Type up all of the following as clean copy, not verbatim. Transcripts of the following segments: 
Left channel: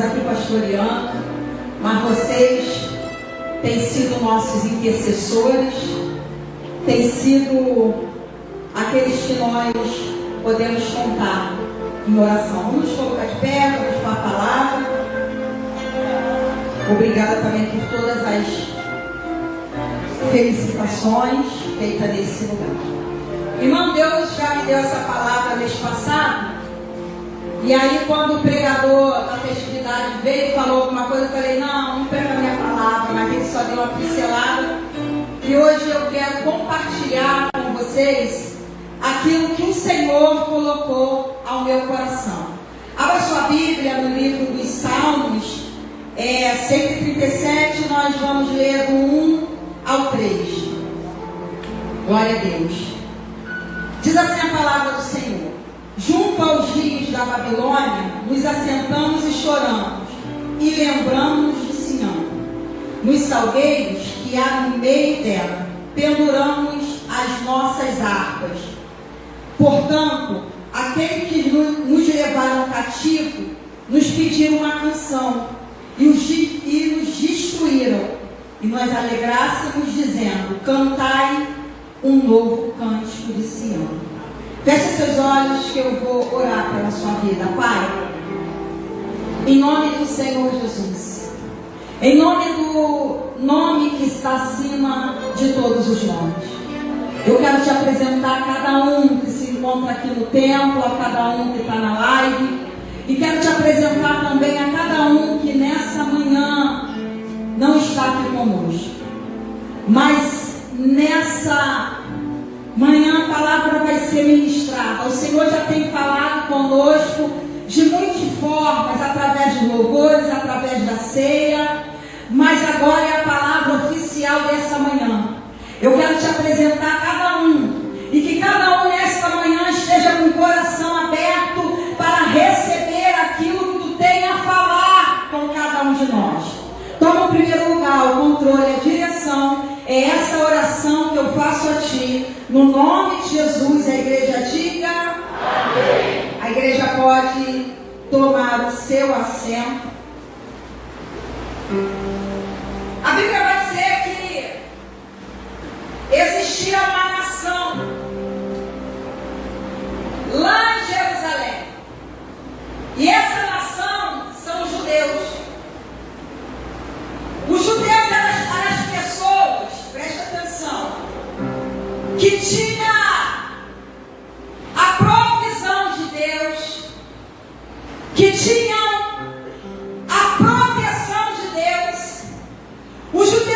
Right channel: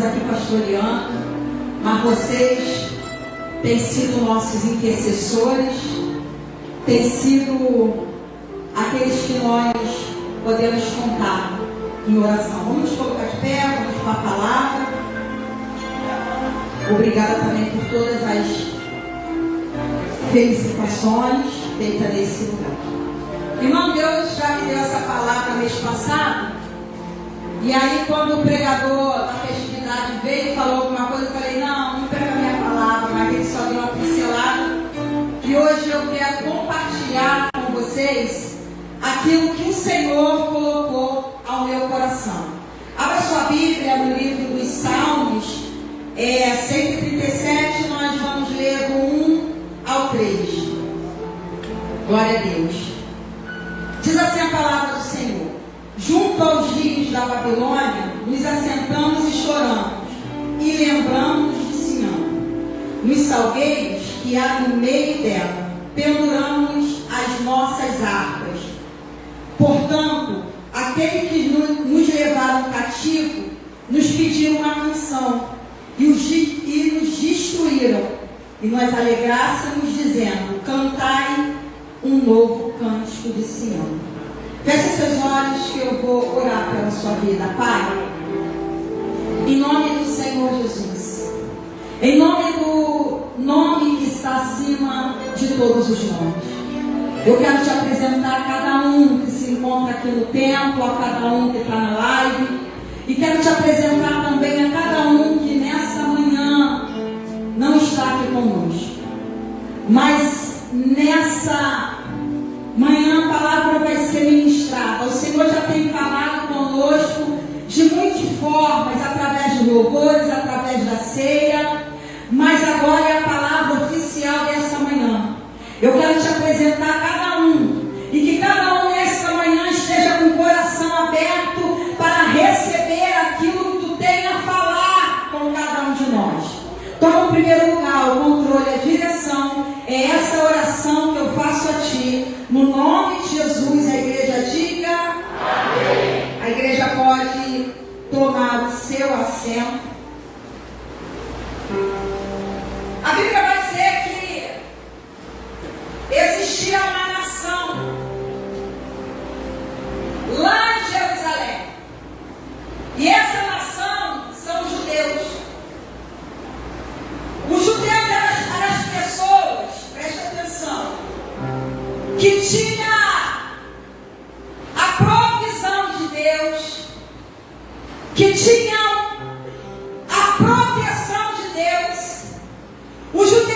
estamos aqui pastoreando, mas vocês têm sido nossos intercessores, têm sido aqueles que nós podemos contar em oração. Vamos colocar de pé, vamos com a palavra. Obrigada também por todas as felicitações feitas nesse lugar. Irmão, Deus já me deu essa palavra mês passado. E aí, quando o pregador da festividade veio e falou alguma coisa, eu falei: não perca a minha palavra, mas ele só deu uma pincelada. E hoje eu quero compartilhar com vocês aquilo que o Senhor colocou ao meu coração. Abra sua Bíblia no livro dos Salmos, 137, nós vamos ler do 1 ao 3. Glória a Deus. Diz assim a palavra do Senhor: junto aos rios da Babilônia, nos assentamos e choramos, e lembramos de Sião. Nos salgueiros que há no meio dela, penduramos as nossas harpas. Portanto, aqueles que nos levaram cativo, nos pediram uma canção, e nos destruíram, e nós alegrássemos, dizendo: cantai um novo cântico de Sião. Feche seus olhos que eu vou orar pela sua vida. Pai, em nome do Senhor Jesus, em nome do nome que está acima de todos os nomes, eu quero te apresentar a cada um que se encontra aqui no templo, a cada um que está na live, e quero te apresentar também a cada um que nessa manhã não está aqui conosco, mas nessa manhã a palavra vai ser ministrada. O Senhor já tem falado conosco de muitas formas, através de louvores, através da ceia, mas agora é a palavra oficial dessa manhã. Eu quero te apresentar a cada um, e que cada um nesta manhã esteja com o coração aberto para receber aquilo que tu tem a falar com cada um de nós. Toma o primeiro lugar, o controle, a direção. É essa oração que eu faço a ti, no nome de Jesus. A igreja diga amém. A igreja pode tomar o seu assento. A Bíblia vai dizer que existia uma nação lá em Jerusalém, e essa nação são os judeus. Os judeus eram as pessoas, preste atenção, que tinha a provisão de Deus, que tinham a proteção de Deus. Os judeus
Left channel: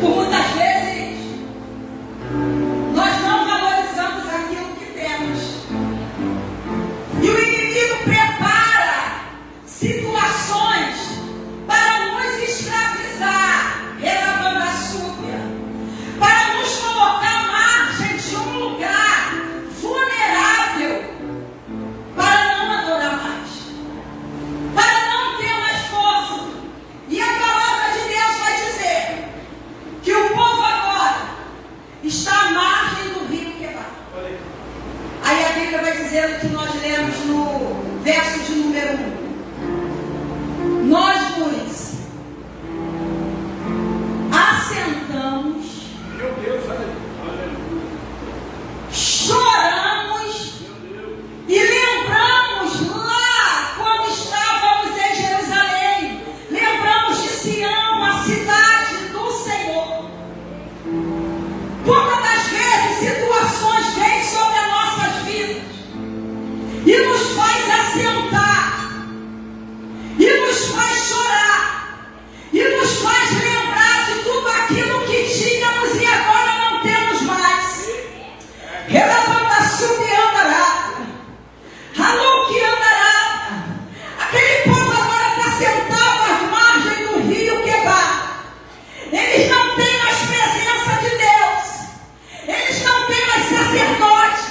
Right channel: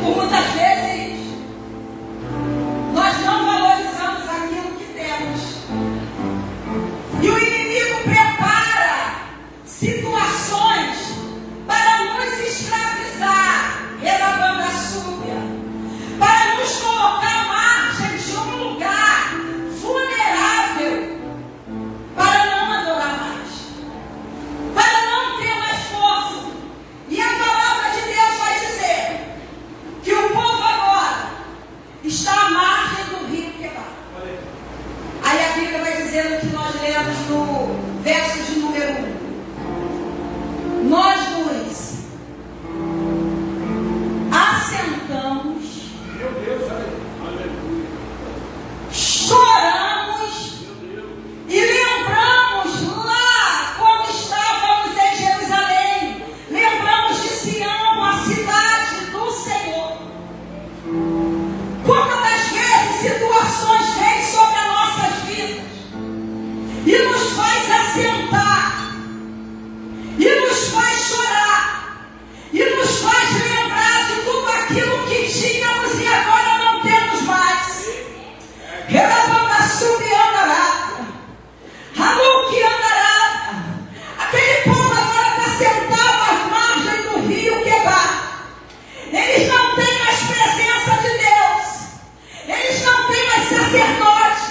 Por muitas vezes, nós não valorizamos aquilo que temos. E o inimigo prepara situações para nos escravizar, relavando a súbia, para nos colocar à margem de um lugar vulnerável, para não adorar mais, para não ter mais força. E a palavra de Deus vai dizer que o povo agora está à margem do rio Quebar. Aí a Bíblia vai dizer o que nós lemos no verso de número 1. Nós nos assentamos, choramos e lembramos lá quando estávamos em Jerusalém. Lembramos de Sião, a cidade do Senhor. Quantas das vezes situações vêm sobre as nossas vidas e nos faz assentar, e nos faz chorar, e nos faz lembrar de tudo aquilo que tínhamos e agora não temos mais. Relevanta subiandará, Hanuki andará. Aquele povo agora está sentado às margens do rio Quebar. Eles não têm mais presença de Deus. Eles não têm mais sacerdotes.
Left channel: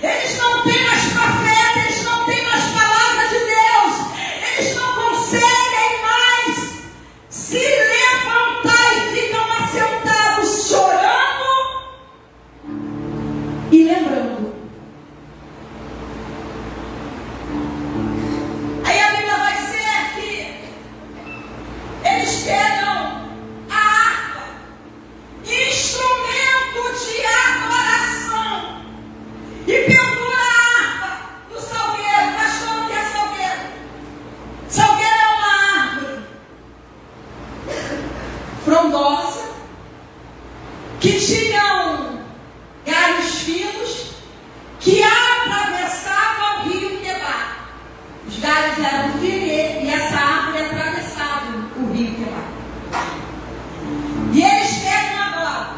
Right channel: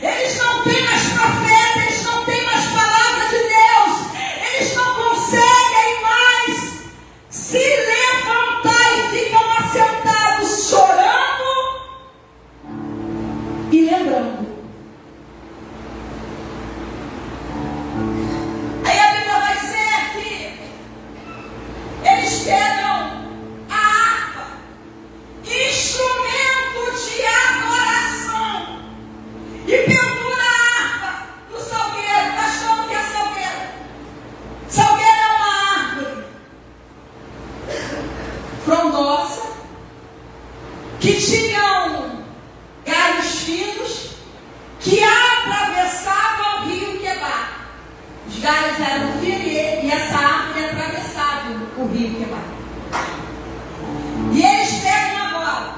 Eles não têm mais profeta. Eles não têm mais palavra de Deus. Eles não conseguem mais se levantar e ficam assentados chorando e lembrando. Aí a Bíblia vai dizer que eles pegam a harpa, instrumento de adoração, e pendura a harpa no salgueiro. Pastor, o que é salgueiro? Salgueiro é uma árvore frondosa, que tinham galhos finos, que atravessavam o rio Quebar. Os galhos eram finos e essa árvore atravessava o rio Quebar. E eles pegam agora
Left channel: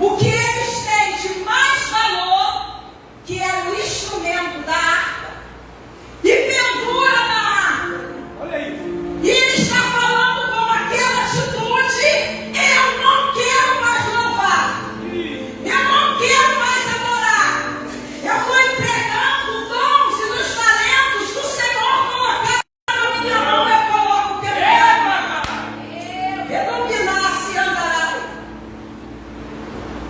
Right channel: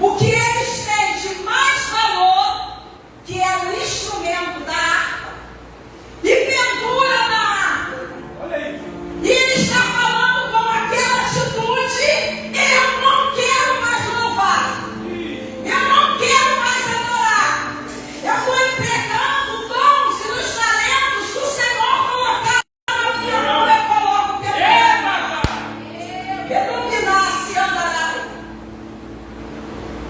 o que eles têm de mais valor, que é o instrumento da harpa, e pendura na árvore. E ele está falando com aquela atitude: eu não quero mais louvar, eu não quero mais adorar, eu estou entregando dons e os talentos que o Senhor colocou na minha mão, eu coloco o teu nome. Redominar-se andará.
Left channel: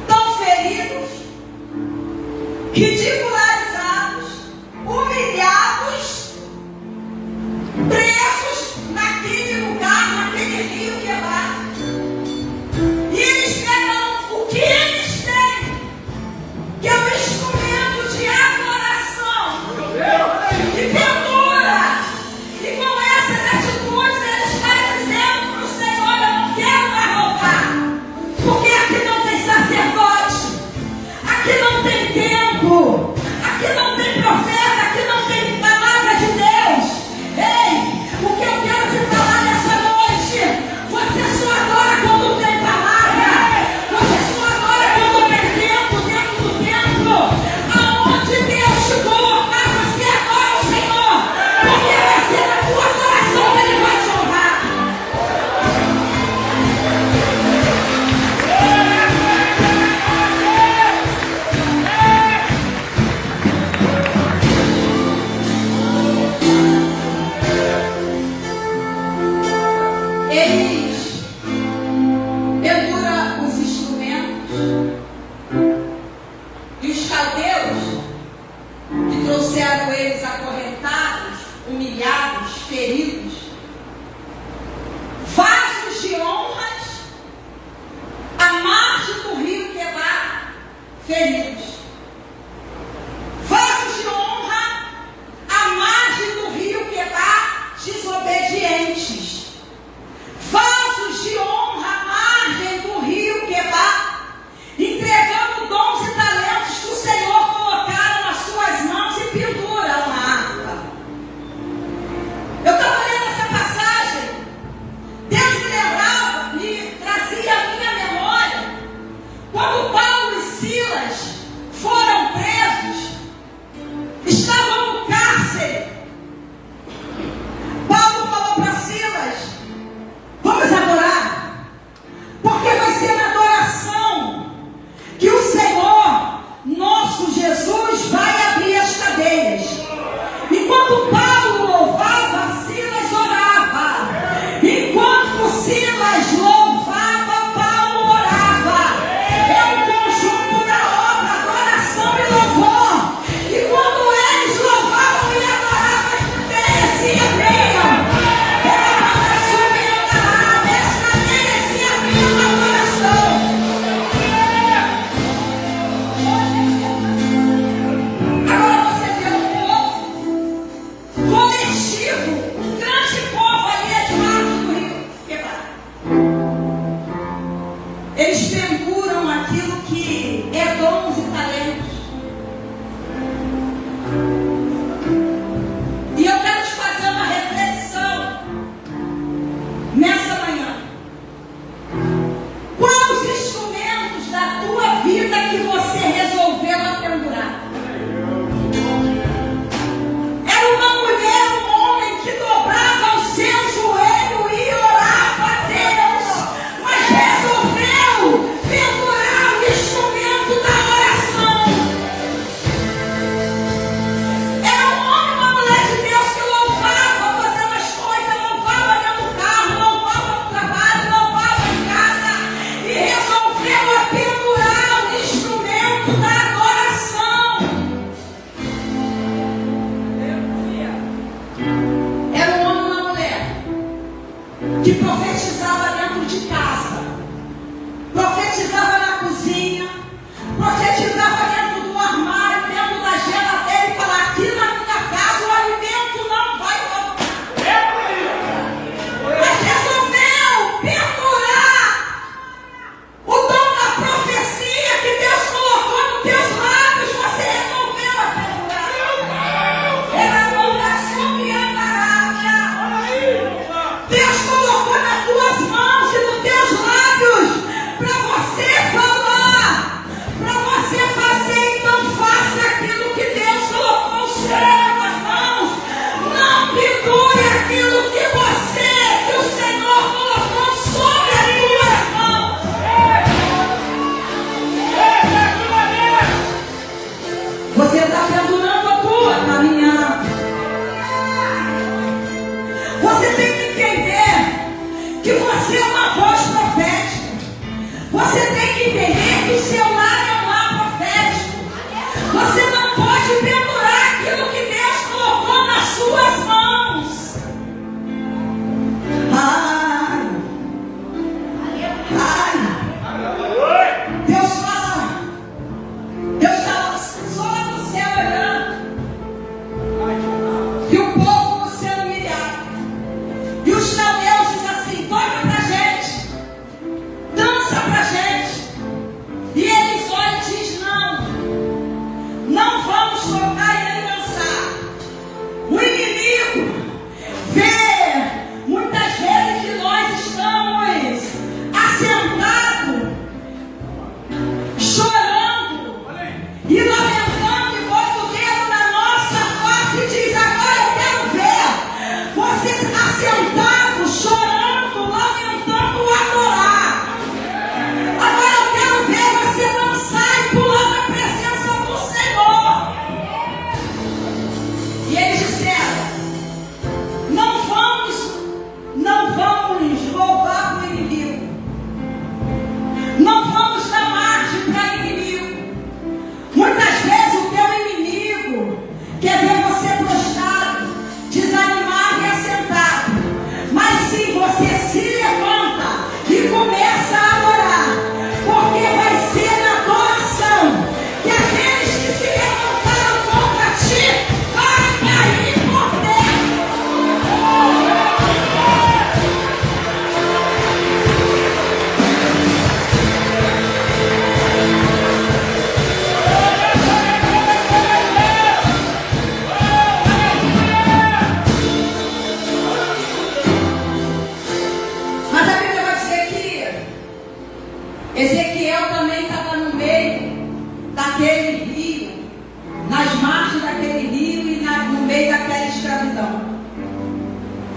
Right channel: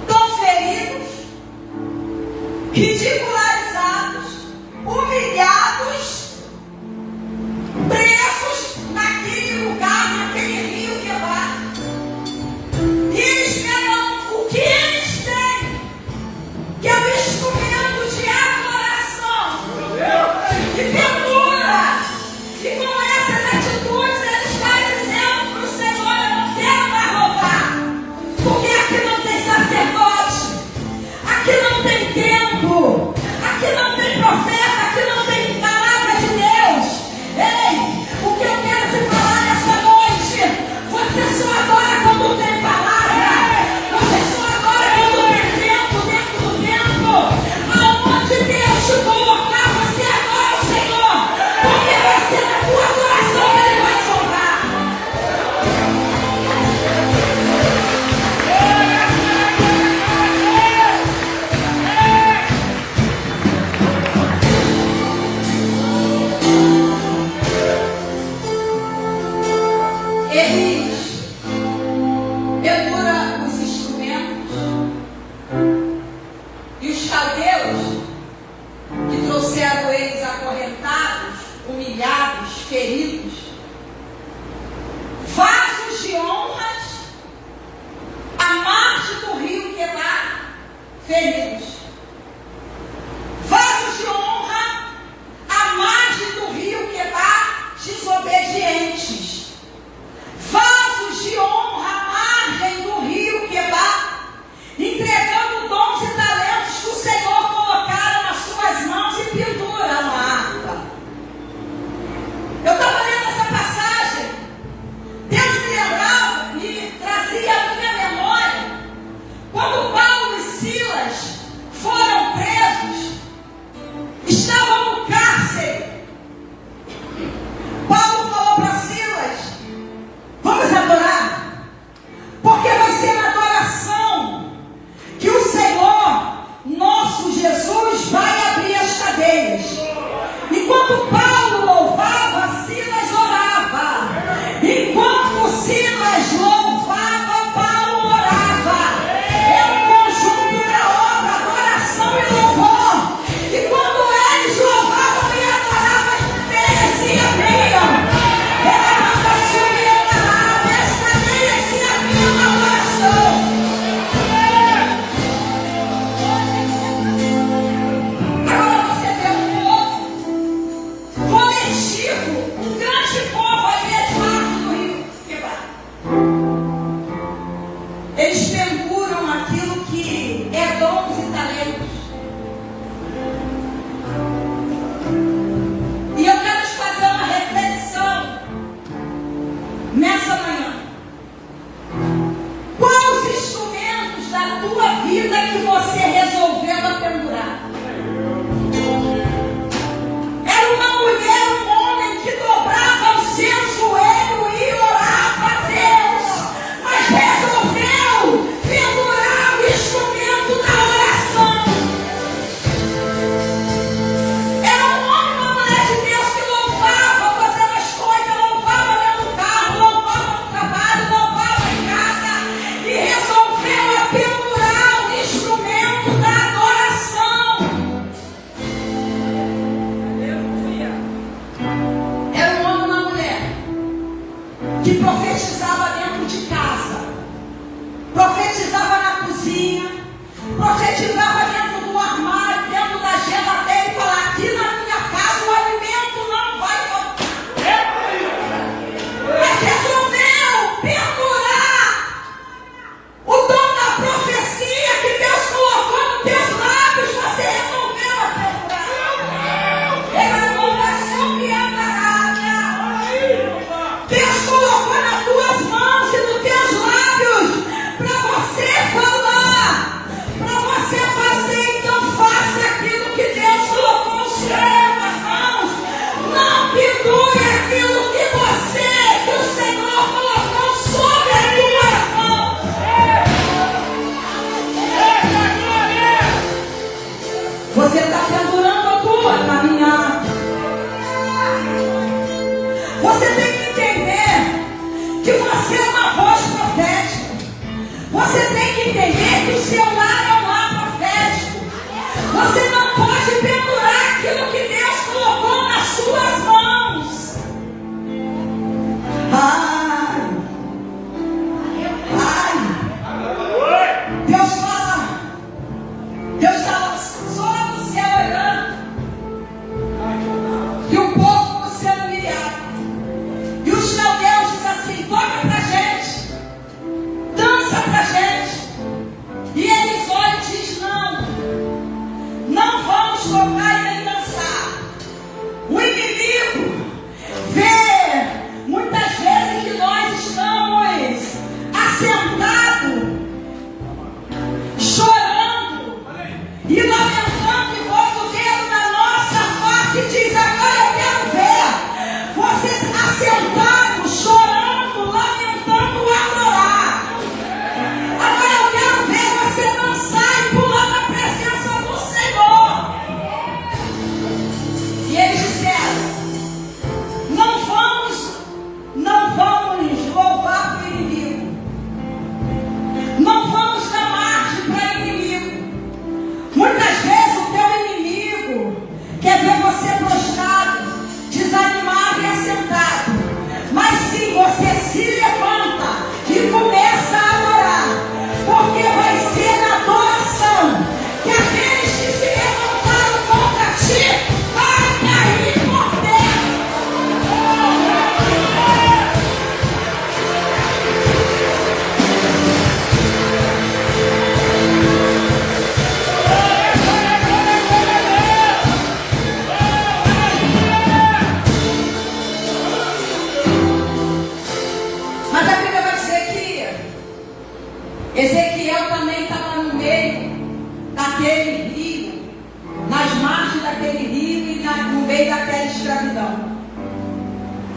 Tão feridos, ridicularizados, humilhados, presos naquele lugar, naquele rio Quebar. E eles pegam o que eles têm, que é o instrumento de adoração, e pendura. E com essas atitudes eles estão dizendo para o Senhor: eu não quero mais louvar, porque aqui não tem sacerdote, aqui não tem templo, aqui não tem profeta, aqui não tem palavra de Deus. Ei, o que eu quero te falar nessa noite: você só adora quando tem palavra, você só adora quando tem tempo dentro do templo. Aonde Deus te colocar, você adora o Senhor, porque vai ser na tua adoração que Ele vai te honrar. Eles penduram os instrumentos, e os caldeus que trouxeram eles acorrentados, humilhados, feridos, vasos de honras à margem do rio Quebar, feridos. Vasos de honra à margem do rio Quebar, desobedientes. Vasos de honra à margem do rio Quebar, entregando dons e talentos que o Senhor colocaram nas suas mãos e pendura uma harpa. Eu estava lendo essa passagem, Deus me lembrava, me trazia cozinha, profetizava dentro do armário, dentro da geladeira e falava: aqui na minha casa o alimento não vai faltar. Mas resolveu pendurar o dom da profecia que Deus colocou nos teus lábios. Você resolveu a pendurar. Ela não vai subir a parada. Deus colocou nas tuas mãos e nos teus lábios para você falar, para você fazer. Então faça aquilo que Deus colocou no seu nas mãos. Não pendure aquilo que o Senhor colocou sobre as tuas mãos. Você está pendurando a tua caminhada. Você tem que entender que você é uma voz profética. Você tem que entender que o seu lar é um lar profético. Você não pode pendurar aquilo que Deus colocou nas suas mãos. Ai, Deus fala só no céu olhando. E o povo no céu humilhado. E os caldeus dizem assim: toca pra gente, dança pra gente. E eles olham e dizem: não vamos tocar e nem dançar. O inimigo vê muitas vezes que nós estamos assentados, chorando e lamentando, e posto o dedo na nossa face e diz: agora eu quero ver vocês assentados, chorando, lamentando, adorar. Agora eu quero ver você dançar e pular na presença do Senhor. E eles disseram: não vamos louvar o inimigo. Não vamos dar margem para o inimigo. Muitas vezes o teu inimigo quer ver você prostrado, desanimado e assentado. Mas sim, você se levanta e começa a adorar. Porque vai ser na adoração que aqueles que se levantaram contra ti vai cair por terra. Mas a Bíblia vai dizer que Ezequiel também estava no meio daquele rio, nas margens daquele rio e no meio daquela escravidão.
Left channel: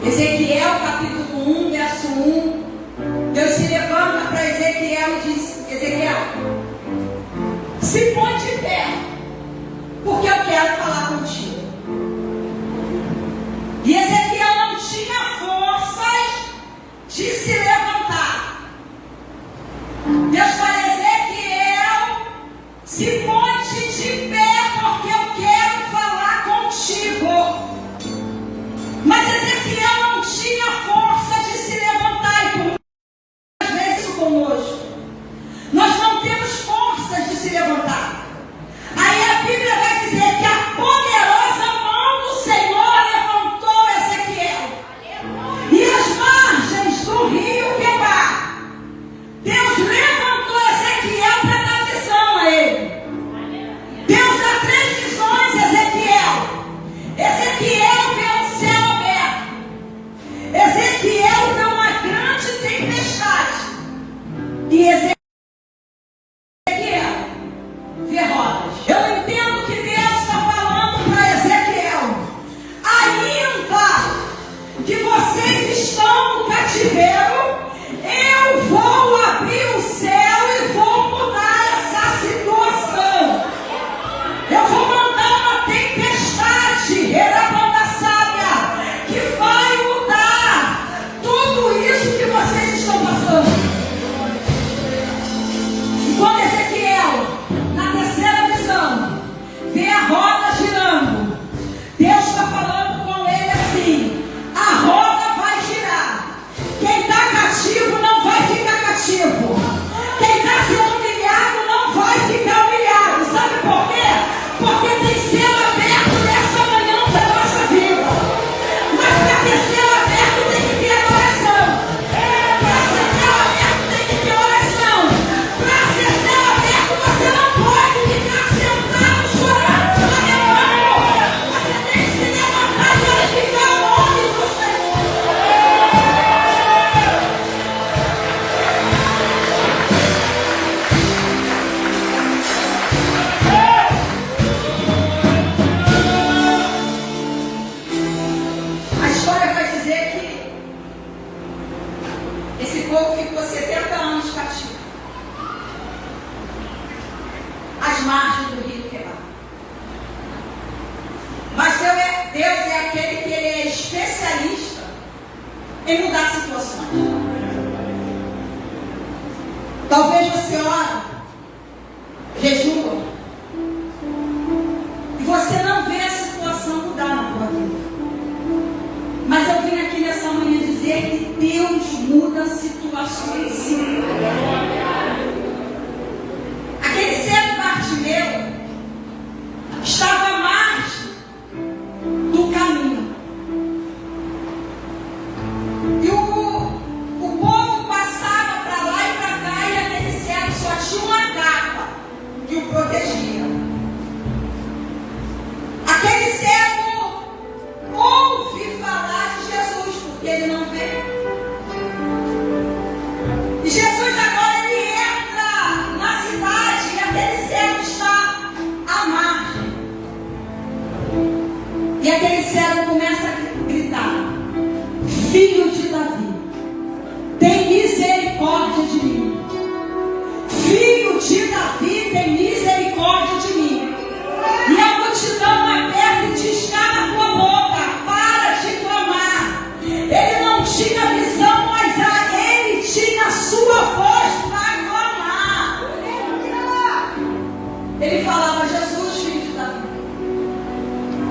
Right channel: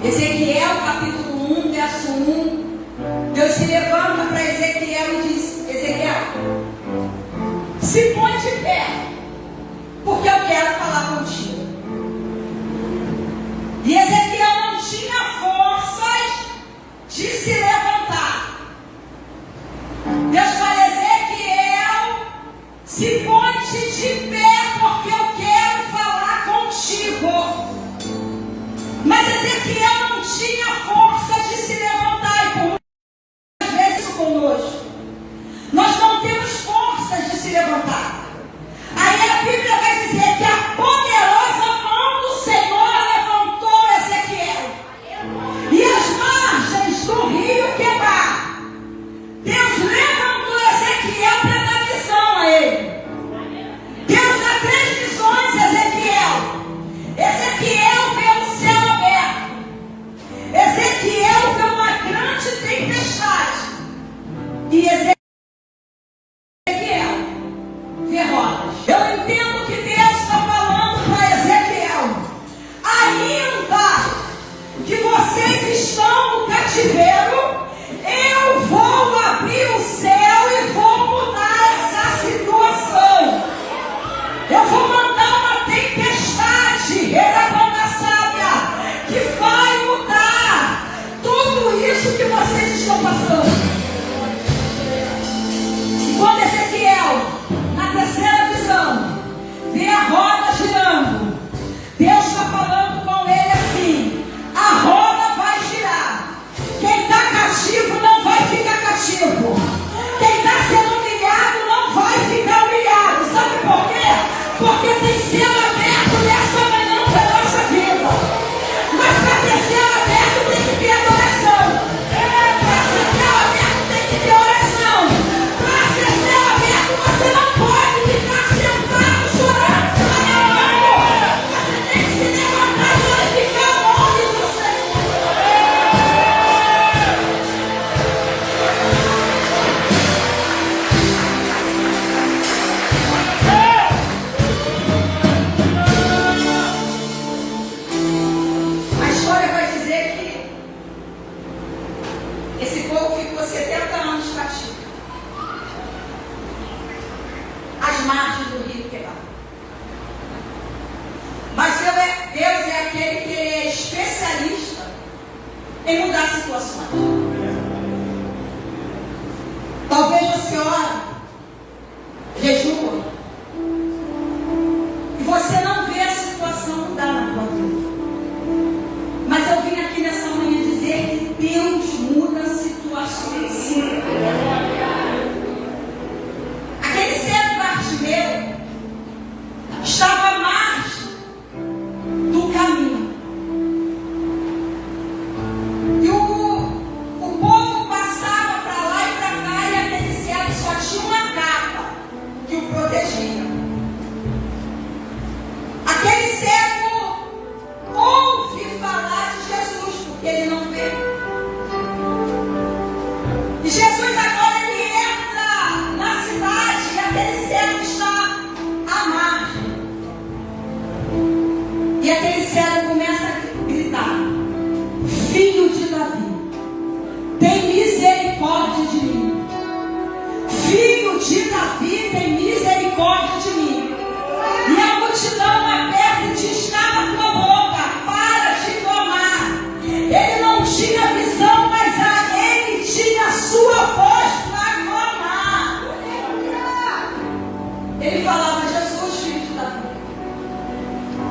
Ezequiel capítulo 1, verso 1, Deus se levanta para Ezequiel e diz: Ezequiel, se põe de pé, porque eu quero falar contigo. E Ezequiel não tinha forças de se levantar. Deus fala: Ezequiel, se põe de pé, porque eu quero falar contigo. Mas Ezequiel não tinha força de se levantar. E por muitas vezes conosco, nós não temos forças de se levantar. Aí a Bíblia vai dizer que a poderosa mão do Senhor levantou Ezequiel. E as margens do rio Quebar, Deus levantou Ezequiel para dar visão a ele. Deus dá 3 visões a Ezequiel. Ezequiel vê o céu aberto. Ezequiel vê uma grande tempestade. E Ezequiel vê rodas. Eu entendo que Deus está falando para Ezequiel: ainda que vocês estão no cativeiro, eu vou abrir o céu e vou mudar essa situação. Eu vou mandar uma tempestade, que vai mudar tudo isso que vocês estão passando. E quando Ezequiel, na terceira visão, vê a roda girando, Deus está falando com ele assim: a roda vai girar. Quem está cativo não vai ficar cativo. Quem está sendo humilhado você ora, jejua, e você não vê a situação mudar na tua vida. Mas eu vim aqui nessa manhã dizer que Deus muda situações. Aquele cego Bartimeu estava à margem do caminho. E o povo passava para lá e para cá, e aquele cego só tinha uma capa que o protegia. Aquele cego ouve falar de Jesus, porque ele não vê. E Jesus agora ele entra na cidade e aquele cego está à margem. E aquele cego começa a gritar: Filho de Davi, tem misericórdia de mim. Filho de Davi, tem misericórdia de mim. E a multidão lá perto descava a tua boca, para de clamar. Ele não tinha visão, mas ele tinha a sua voz para clamar. Ele falava: Jesus, filho de Davi,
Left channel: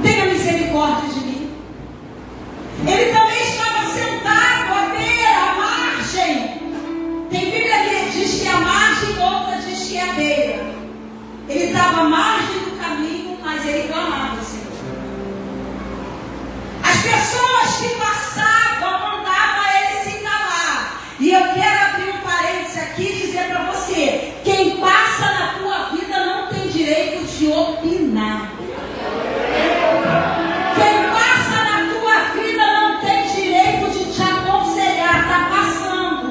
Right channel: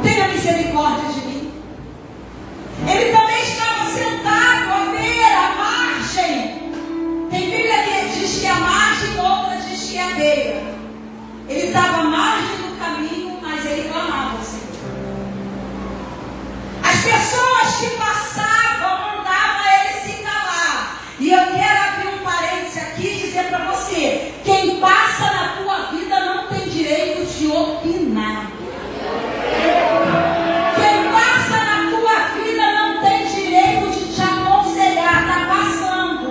tenha misericórdia de mim. Ele também estava sentado à beira, à margem. Tem Bíblia que diz que é a margem, outra diz que é a beira. Ele estava à margem do caminho, mas ele clamava ao Senhor. As pessoas que passavam mandavam ele se calar. E eu quero abrir um parênteses aqui e dizer para você: quem passa na tua vida não tem direito de opinar. Quem passa na tua vida não tem direito de te aconselhar. Está passando.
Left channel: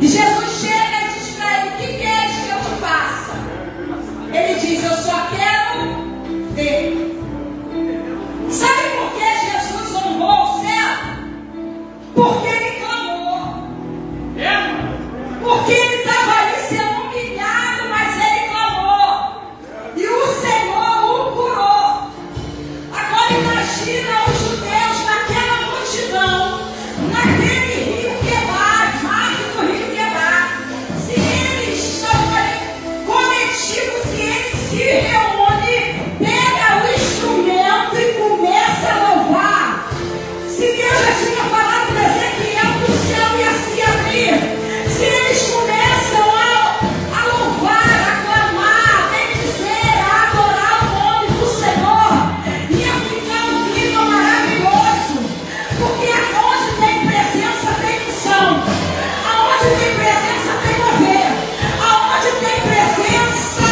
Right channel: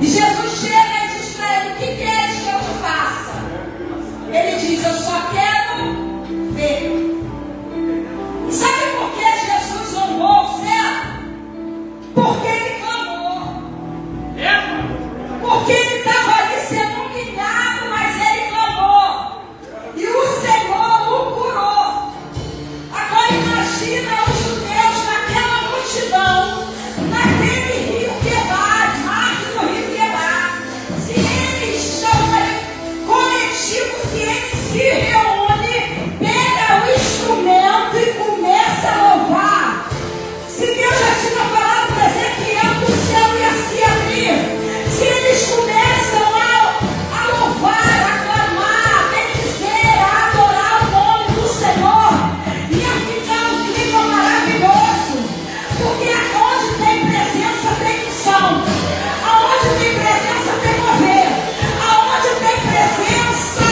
E Jesus chega e diz para ele: o que queres que eu te faça? Ele diz: eu só quero ver. Sabe por que Jesus honrou o cego? Porque ele clamou. Porque ele estava ali sendo humilhado, mas ele clamou. E o Senhor o curou. Agora imagina os judeus naquela multidão, naquele rio Quebar, margem do rio Quebar. Se eles estão coletivos, se eles se reúnem, pega o instrumento e começa a louvar. Se Deus já tinha falado para Ezequiel que o céu ia se abrir, se eles começam a louvar, a clamar, a bendizer, a adorar o nome do Senhor, ia ficar um clima maravilhoso. Porque aonde tem presença tem unção, aonde tem presença tem mover, aonde tem presença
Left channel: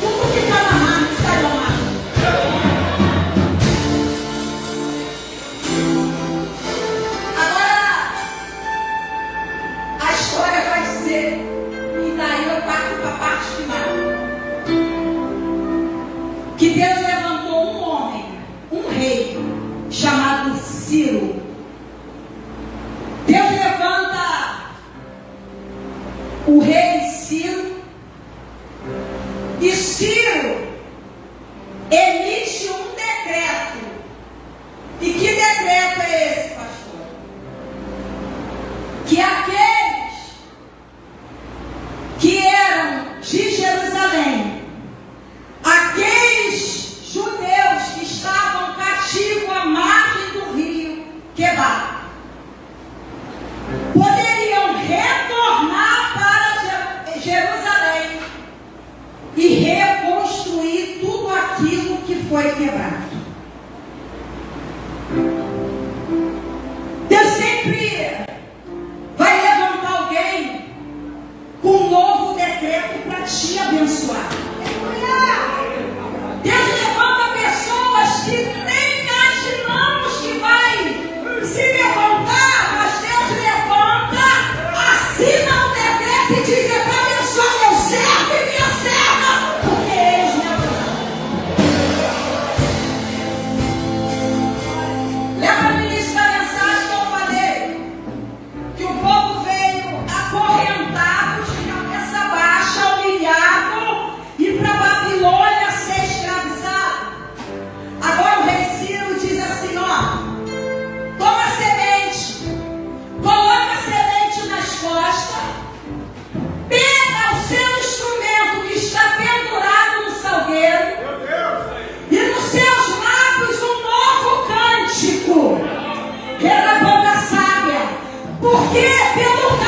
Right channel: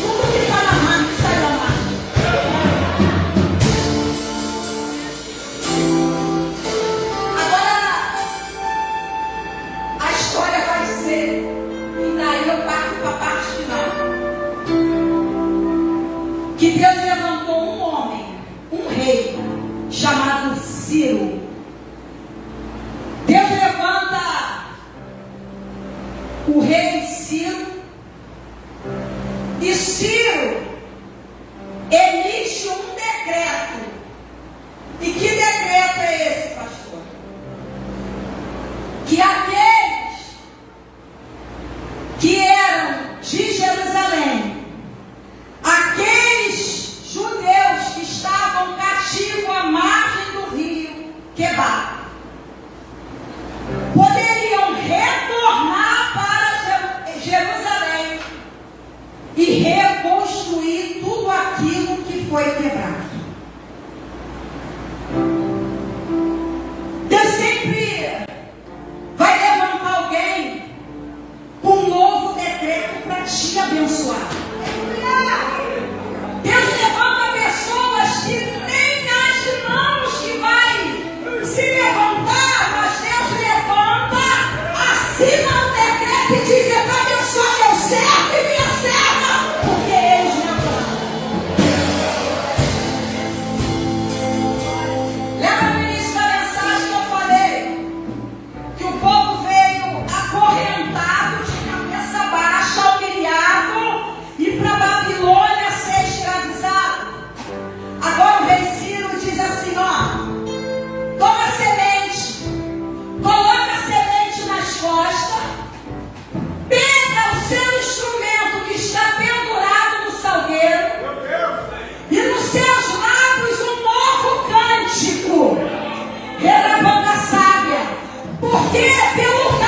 tudo que está na mão sai da mão. Agora a história vai dizer, e daí eu parto para a parte final, que Deus levantou um homem, um rei, chamado Ciro. Deus levanta o rei Ciro, e Ciro emite um decreto. E que decreto é esse, pastor? Que aqueles que eram de Jerusalém, aqueles judeus que estavam cativos à margem do rio Quebar, poderiam retornar para Jerusalém e reconstruir tudo aquilo que foi quebrado. Deus sempre vai levantar alguém com um novo decreto para te abençoar. Deus levanta pessoas que nem imaginamos que vai se levantar, mas Deus levanta quê? Pelo